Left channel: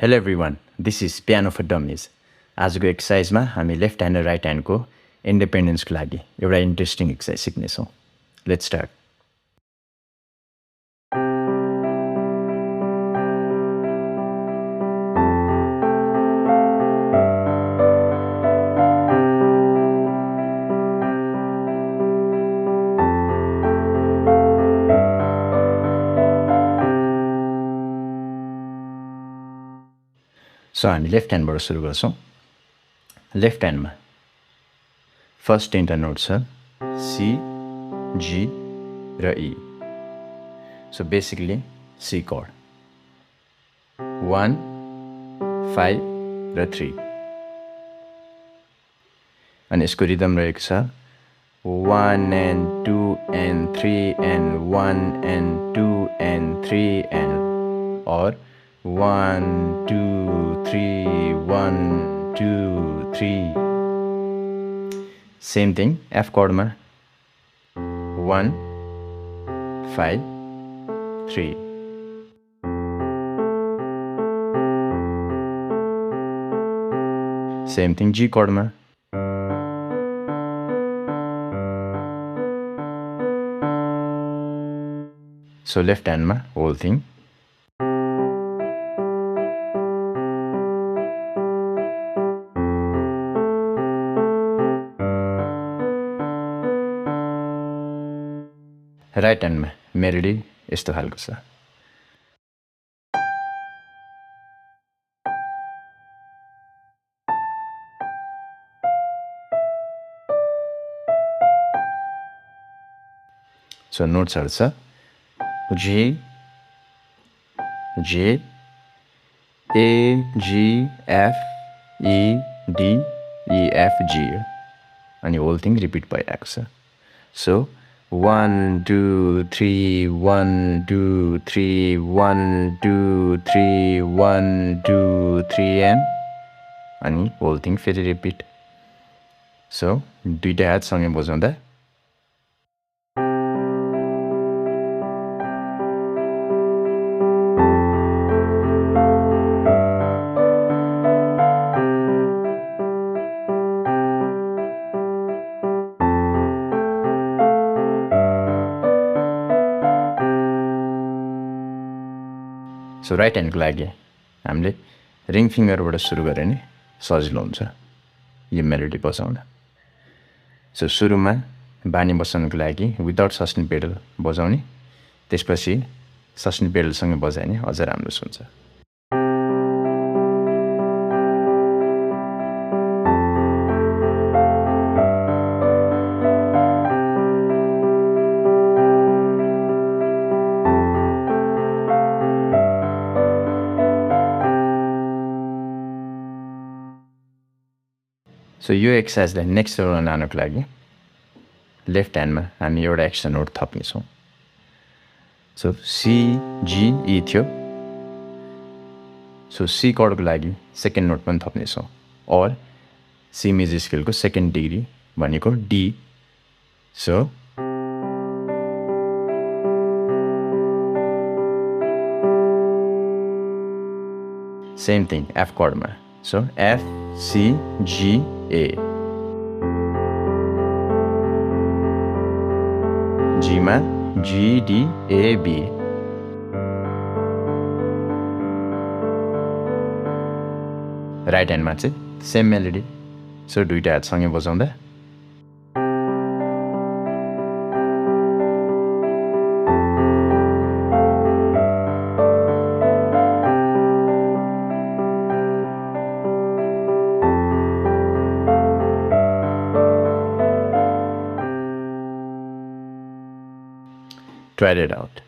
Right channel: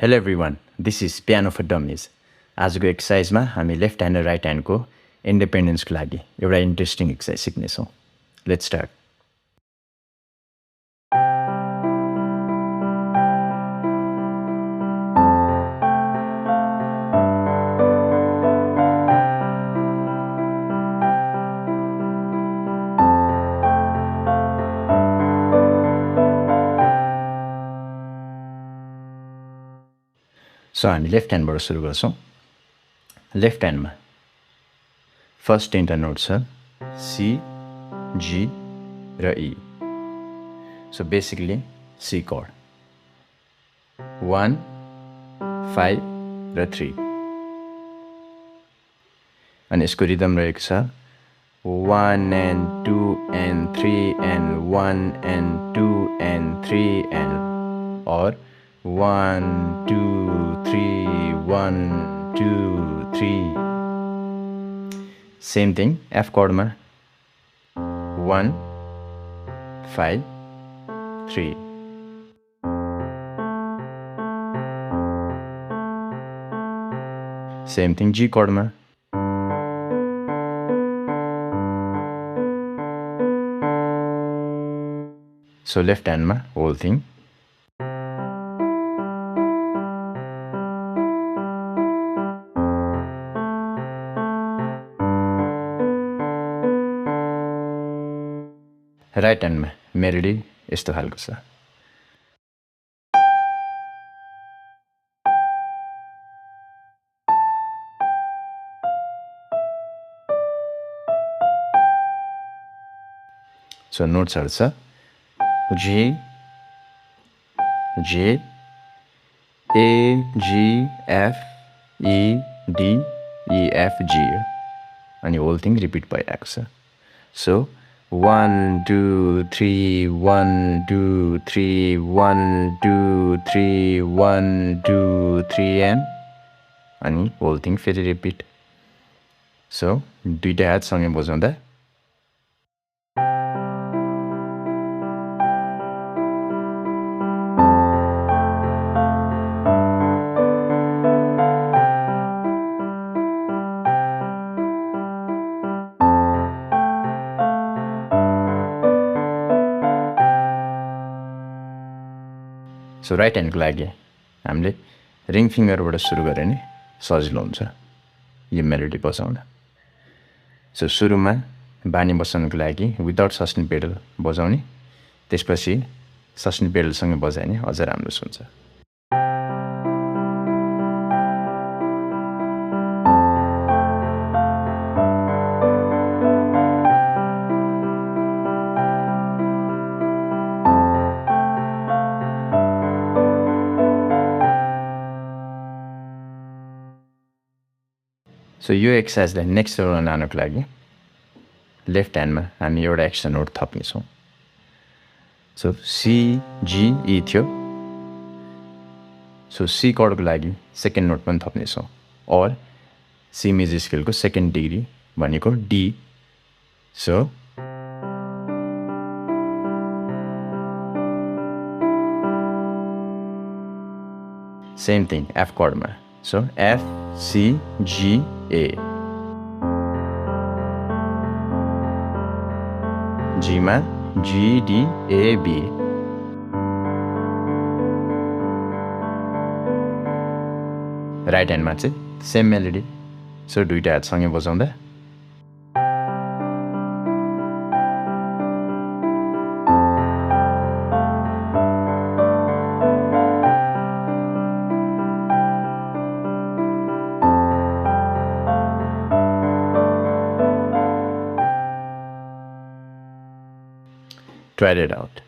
Hello everyone, this is Piano for Dummies. आजको एक्सरसाइजमा हामी लेफ्ट ह्यान्ड र राइट ह्यान्डको इन्डिपेन्डेन्सको लागि एउटा इन्ट्रेस्टिङ एक्सरसाइज सिक्नेछौँ. Let's start. सो हामी लेफ्ट ह्यान्डबाट सुरु गर्छौँ. लेफ्ट ह्यान्डमा फर्स्ट तिनवटा नोट छ सी, जी र E. So basically C chord 1, 5 र 3. अनि यसको रिदम रहेको छ 1 and 2 and 3 and 1 and 2 and 3 and or 1 2 3 1 2 3. Same thing F chord ma 1 5 3. Same thing G chord ma so left hand ma whole thing. Right ह्यान्डमा melody यस्तो खालको छ. So नोट्सहरू छ G, J, A, G, F, E, D, E, F, G अनि whole thing repeat भइरहेको छ. So 1 2 3 1 2 3 1 2 3 1 2 3 and अनि होल थिङ फेरि रिपिट. सो दुईटा हातसँगै बजाउँदा सो राइट ह्यान्डको लागि हामीले रिङ फिङ्गरबाट सुरु गऱ्यो भने सजिलो हुन्छ यो मेलोडी बजाउन. सो सुरुमा बानी बसाउनुको लागि विदाउट सस्टेन पेडल बजाउने, त्यसपछि सस्टेन पेडलसँगै बजायो भने अझ राम्रो सुन्छ. सो यो एक्सर्साइजलाई नेक्स्ट लेभलमा लानुको लागि लेफ्ट ह्यान्डमा हामी एउटा एक्स्ट्रा नोट थप्नेछौँ. सो सी, जी, ई थियो. सो सी कर्डको लागि सेकेन्ड नोट पनि थप्नेछौँ अर सी मेजर स्केलको सेकेन्ड डिग्री भनेको D. So same thing F कर्डमा. So F, C, G, A. जीमा G, D, A, B. Right ह्यान्डमा चाहिँ सेम मेलोडी. सो दुईटा हातसँगै बजाउँदा try it out.